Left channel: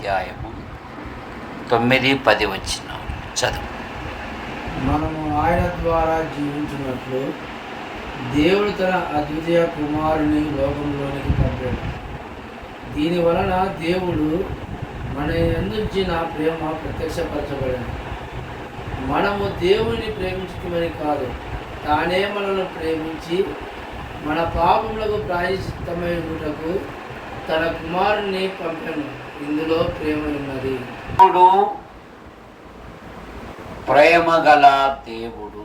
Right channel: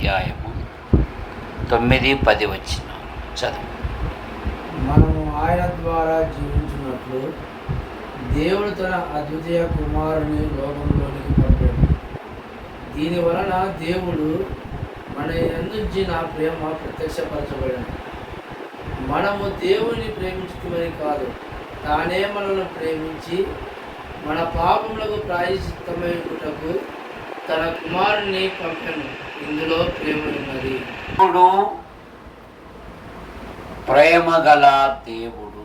అధ్యాయము తొమ్మిది పది వచ్చిన చదువు. మనము ఆయన ద్వారా జీవించినట్లు దేవుడు తన అద్వితీయ కుమారుని లోకంలోనికి పంపాడు. దీనివలన దేవుడు మన ఎందుచిన ప్రేమ ప్రత్యక్షపరచబడింది? మనము దేవుని ప్రేమించుకోమని కాదు తానే మనను ప్రేమించి మన పాపములకు ప్రాయశ్చిత్తమైనకు తన కుమారుని పంపను. ఇందులో ప్రేమ ఉన్నది దేవుడు ప్రేమ గల దేవుడు.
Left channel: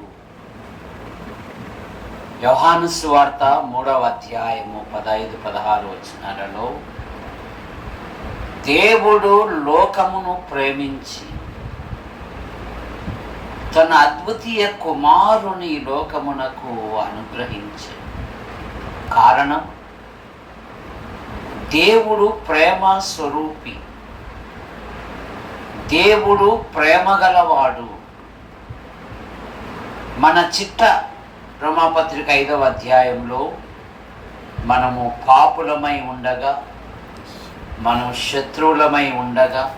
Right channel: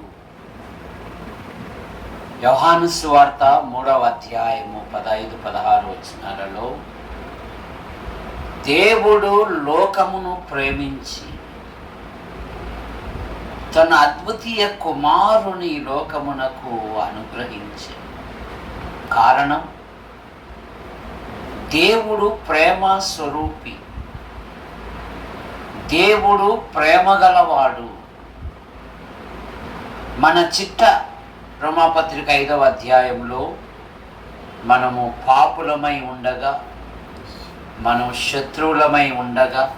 యోహాను వార్త మూడవ అధ్యాయము పదహైదు పదహారు వచనాలలో దేవుడు లోకమును ప్రేమించి తన అద్వితీయ కుమారుని లోకమునకు అనుగ్రహించే కారణం దేవుడు ప్రేమ స్వరూపి. దేవుడు ప్రేమ గలవాడు. మన చిట్ట రోమాపత్రిక ఐదవ అధ్యాయంలో మనము పాపులమై ఉండగా మనం శత్రువులమై ఉండగా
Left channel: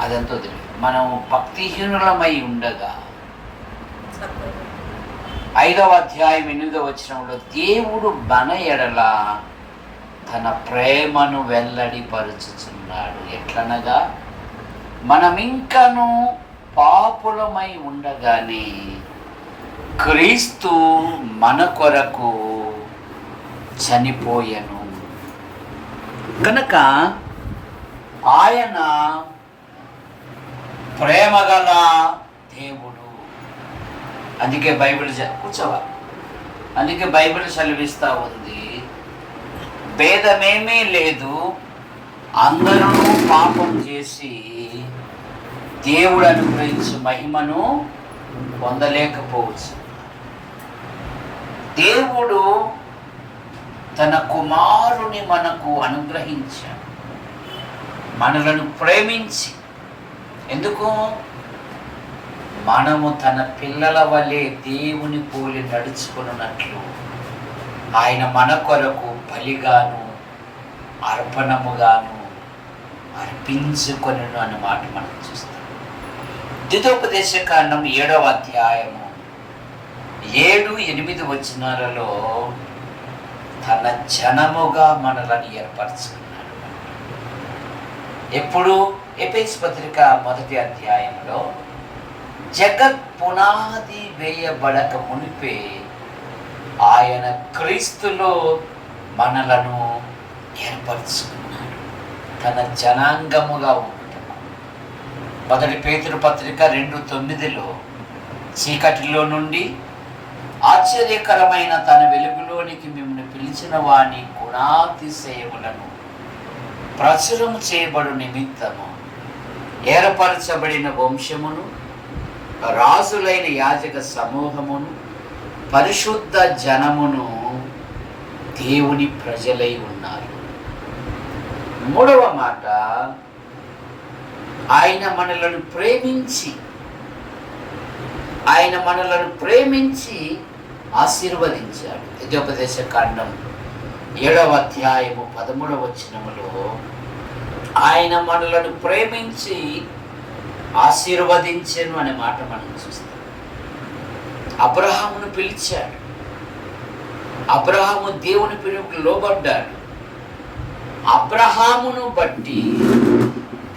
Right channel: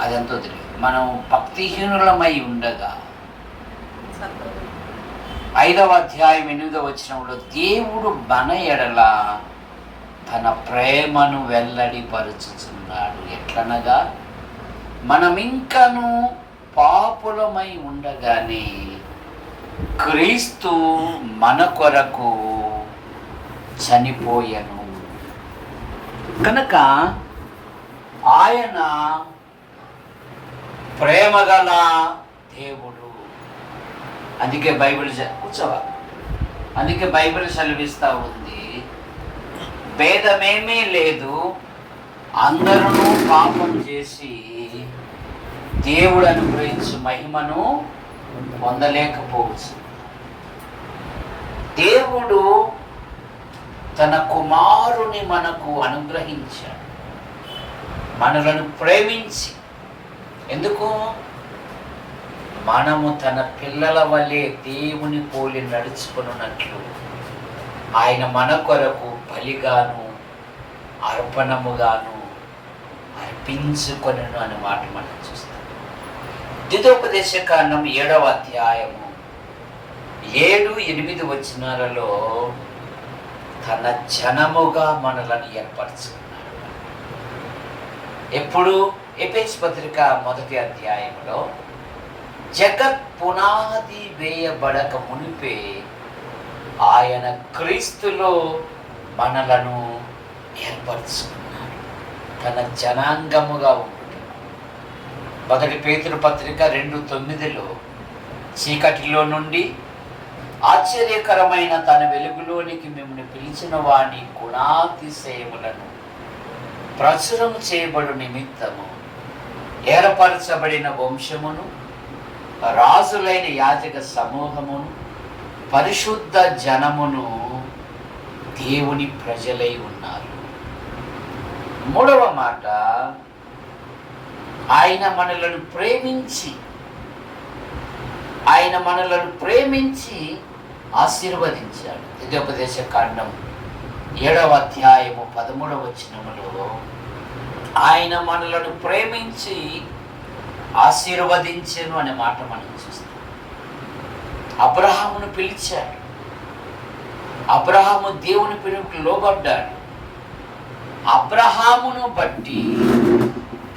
అదంతా తెలియదు మనం భక్తిహీనులమై ఉండగా. ఐదవ అధ్యాయం ఎనిమిదవ వచనంలో దేవుడు మన ఎడల తన ప్రేమను వెల్లడిపరుచుచున్నాడు. ఎట్లనగా మనం పాపులమై ఉండగానే క్రీస్తు మన కొరకు చనిపోయను. కనుక ఆయన ప్రేమగల దేవుడు. అందుకే బైబిల్ చ- కూర్చోవా. అందుకే బైబిల్ చదివిస్తూ ఉంది. భేదమేమీ లేదు. అందరూ పాపం చేసి దేవుడు అనుగ్రహించు మహిమను పొందలేకపోవచ్చు. దేవుడు తన కుమారుని మనకు అనుగ్రహించాడు. మనలను ప్రేమించి. ఎందుకు? మనము తన పిల్లల వలె దేవుని పోలి నడుచుకున్నట్లు ఆయన మన కొరకు బలిగాను అర్పణముగాను అర్పించుకొనను అనే మాట మనం చూస్తాం. ద్వితోపదేశ కాండం ఏడవ అధ్యాయము ఏడు ఎనిమిది వచ్చినలలో తన జనముగా మనలను ఏర్పరచుకున్నాడు. ఎప్పుడు? ఎపేస్ పత్రిక మొదటి అధ్యాయంలో జగత్ పునాది వేయబడక మునిపే ఆయన క్రీస్తులో మనలను ఏర్పరచుకున్నాడు. తన జనాంగముగా మొదటి పేతురు పత్రిక రెండు తొమ్మిదిలో చీకటిలో నుండి ఆశ్చర్యకరమైన తన వెలుగులోనికి మిమ్మల్ని పిలిచిన వాని గుణాతిశయములను ప్రచురం చేయబడు నిమిత్తము ఏర్పరచబడిన వంశమును రాజులైన యాజక సమూహమును పరిశుద్ధ జనమును దేవుని ప్రజలై ఉన్నారు. మూడవ మాట ఆయన మనలను ప్రేమించి ఆయన మనలను ప్రేమించి ఆశీర్వదించాడు. యుద్ధోపదేశ కాండం ఏడవ అధ్యాయము పదమూడవ వచనములో ఆయన మనలను ప్రేమించి ఆశీర్వదించాను అనే మాట మనం చూస్తాం. అబ్రహామును పిలిచాడు. అబ్రహాము దేవుని పిలుపుకి లోబడ్డాడు. అబ్రహామును బట్టి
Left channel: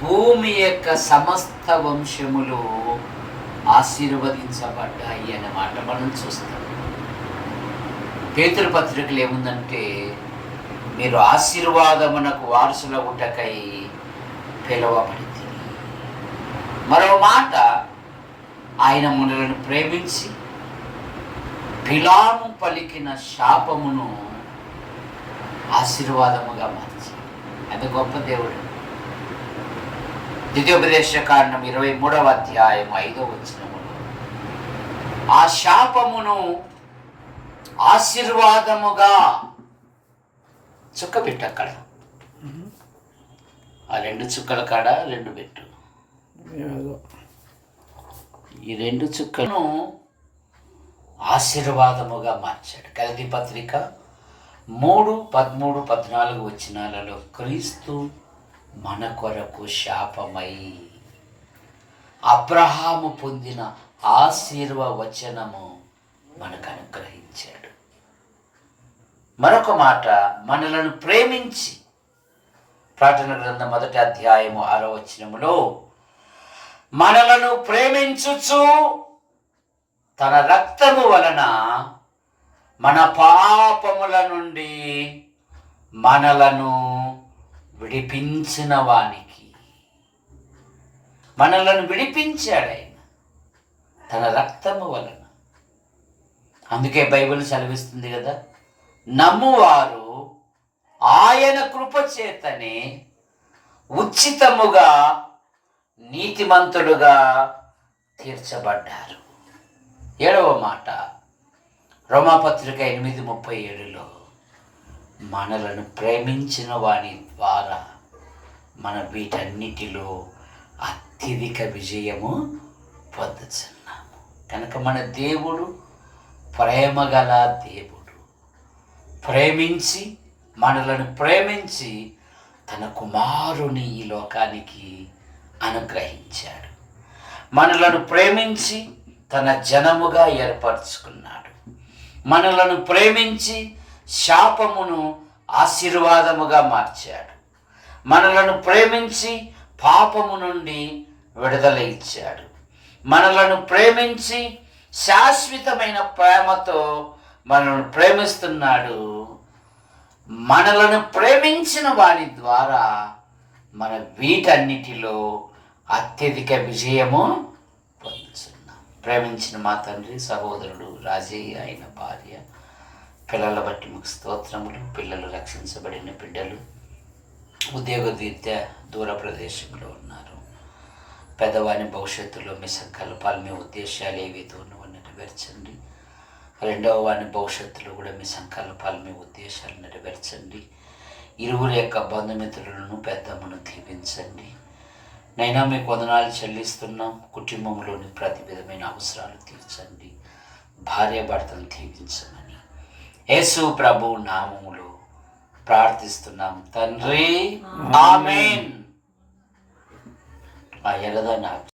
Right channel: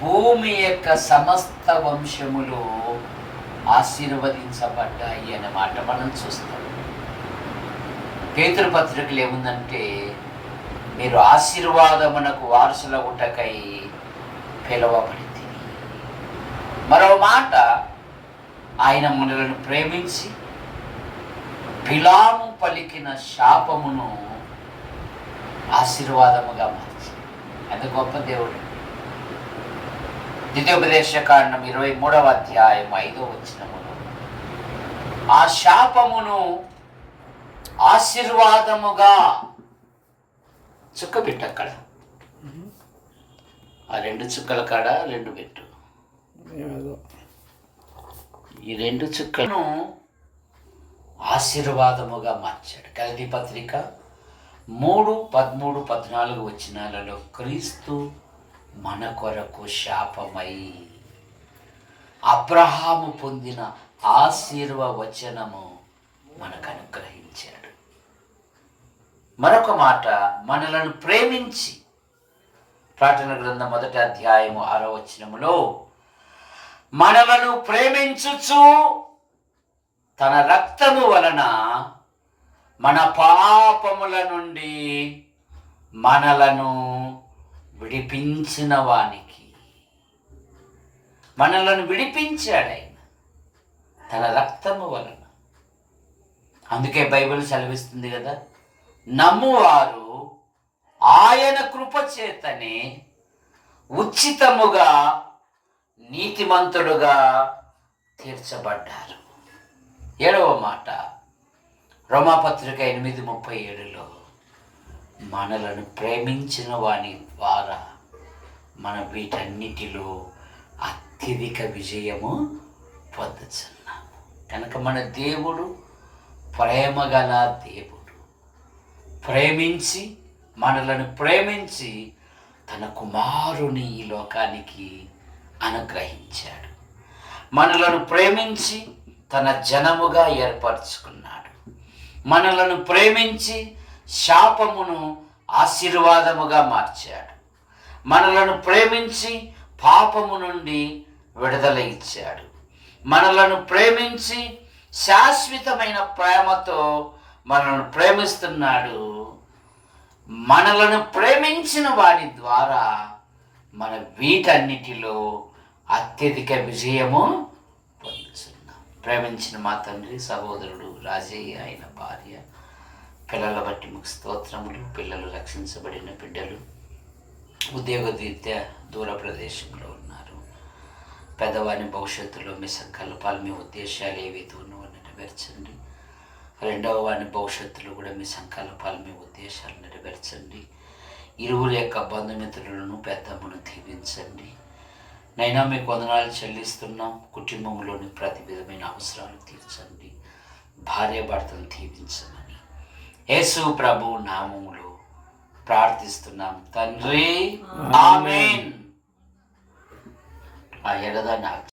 భూమి యొక్క సమస్త వంశములు ఆశీర్వదించబడ్డాయి అనే మాట మనం చూస్తాం. పేతురు పత్రికలు ఏముందంటే మీరు ఆశీర్వాదమునకు వారసుల ఉటకై పిలువబడి మరో మాట ఆయన మనలను ప్రేమించి పిలాము పలికిన శాపమును ఆశీర్వాదముగా మార్చి. అది గొప్ప దేవుడు. ద్వితీయోపదేశ కారణం ఇరవై మూడవ అధ్యాయం ఐదో వచ్చినమును ఆ శాపమును ఆశీర్వాదముగా చుక్క పెట్టు అక్కడ ఆ రెండు చుక్కల కాడ రెండు పెట్టు. ఈ రెండు చుక్కలను ఆశీర్వాదముగా మార్చాడు. కలిగి పత్రిక మూడు పదమూడు పద్నాలుగు వచనాలలో క్రీస్తు మన కొరకు శాపమై అబ్రహాము పొందిన ఆశీర్వచనము మనకు అనుగ్రహించాడు. మరొక మాట మనలను ప్రేమించి ప్రార్థన గ్రంథం మొదటి అధ్యాయము ఆరో వచనములో మనలను ప్రేమించుచు తన రక్తము వలన మన పాపముల నుండి మనలను విడిపించిన వానికి. మనలను విడిపించాడు ఆయన. తన రక్తము వలన. అందుకే బైబిల్ సెలవిస్తుంది కదా నమ్మువారు ఆయన కృపచేతనే ఉచితముగా నీతిమంతుడుగా తీర్చబడ్డారు. ఏడవ మాట. రోమాపత్రిక ఎనిమిది ముప్పై ఏడులో మనలను ప్రేమించిన వాని ద్వారా మన వీటన్నిటిలో అత్యధిక విజయము పొందుతున్నాము కనుక మన దేవుడు ప్రేమగల దేవుడు. ప్రేమించి మనలను ప్రేమించి తన కుమారుని ఈ లోకానికి అనుగ్రహించాడు. మనలను ప్రేమించి తన జనముగా ఏర్పరచుకున్నాడు. మనలను ప్రేమించి శాపమును ఆశీర్వాదముగా మార్చాడు. మనలను ప్రేమించి పాపము నుండి విడుదల ఇచ్చాడు. మనలను ప్రేమించి శాశ్వతమైన ప్రేమతో మనల్ని ప్రేమిస్తున్నాడు. మనలను ప్రేమించిన వారి ద్వారా మన వీటన్నిటిలో అత్యధిక విజయము ప్రేమించిన మా తండ్రి సహోదరుడు రాజయ్య ఆయన భార్య పిల్లల బట్టి మీకు స్తోత్రములు పిల్లలు రక్షించబడిన బిడ్డలు ఉద్యోగ విద్య దూర ప్రదేశంలో ఉన్నారు. పెద్దవాని భవిష్యత్తులో మీ సంకల్పాలు మీ ఉద్దేశాలు ఏవైతేనో నెరవేర్చండి. రెండవ వాని భవిష్యత్తులో కూడా మీ సంకల్పాలు మీ ఉద్దేశాలు నెరవేర్చండి. ఇరువురు యొక్క బంధుమిత్రులను పెద్దమ్మను దీవించండి. నైనా మీకు వందనాలు చెల్లిస్తున్నాం కుటుంబంలోని ప్రతి విధమైన అవసరాలు తీర్చండి. భార్య భర్తను దీవించమని యేసు ప్రభు నామములో ప్రార్థిస్తున్నాం. తండ్రి ఆమెన్. ఆ నాకు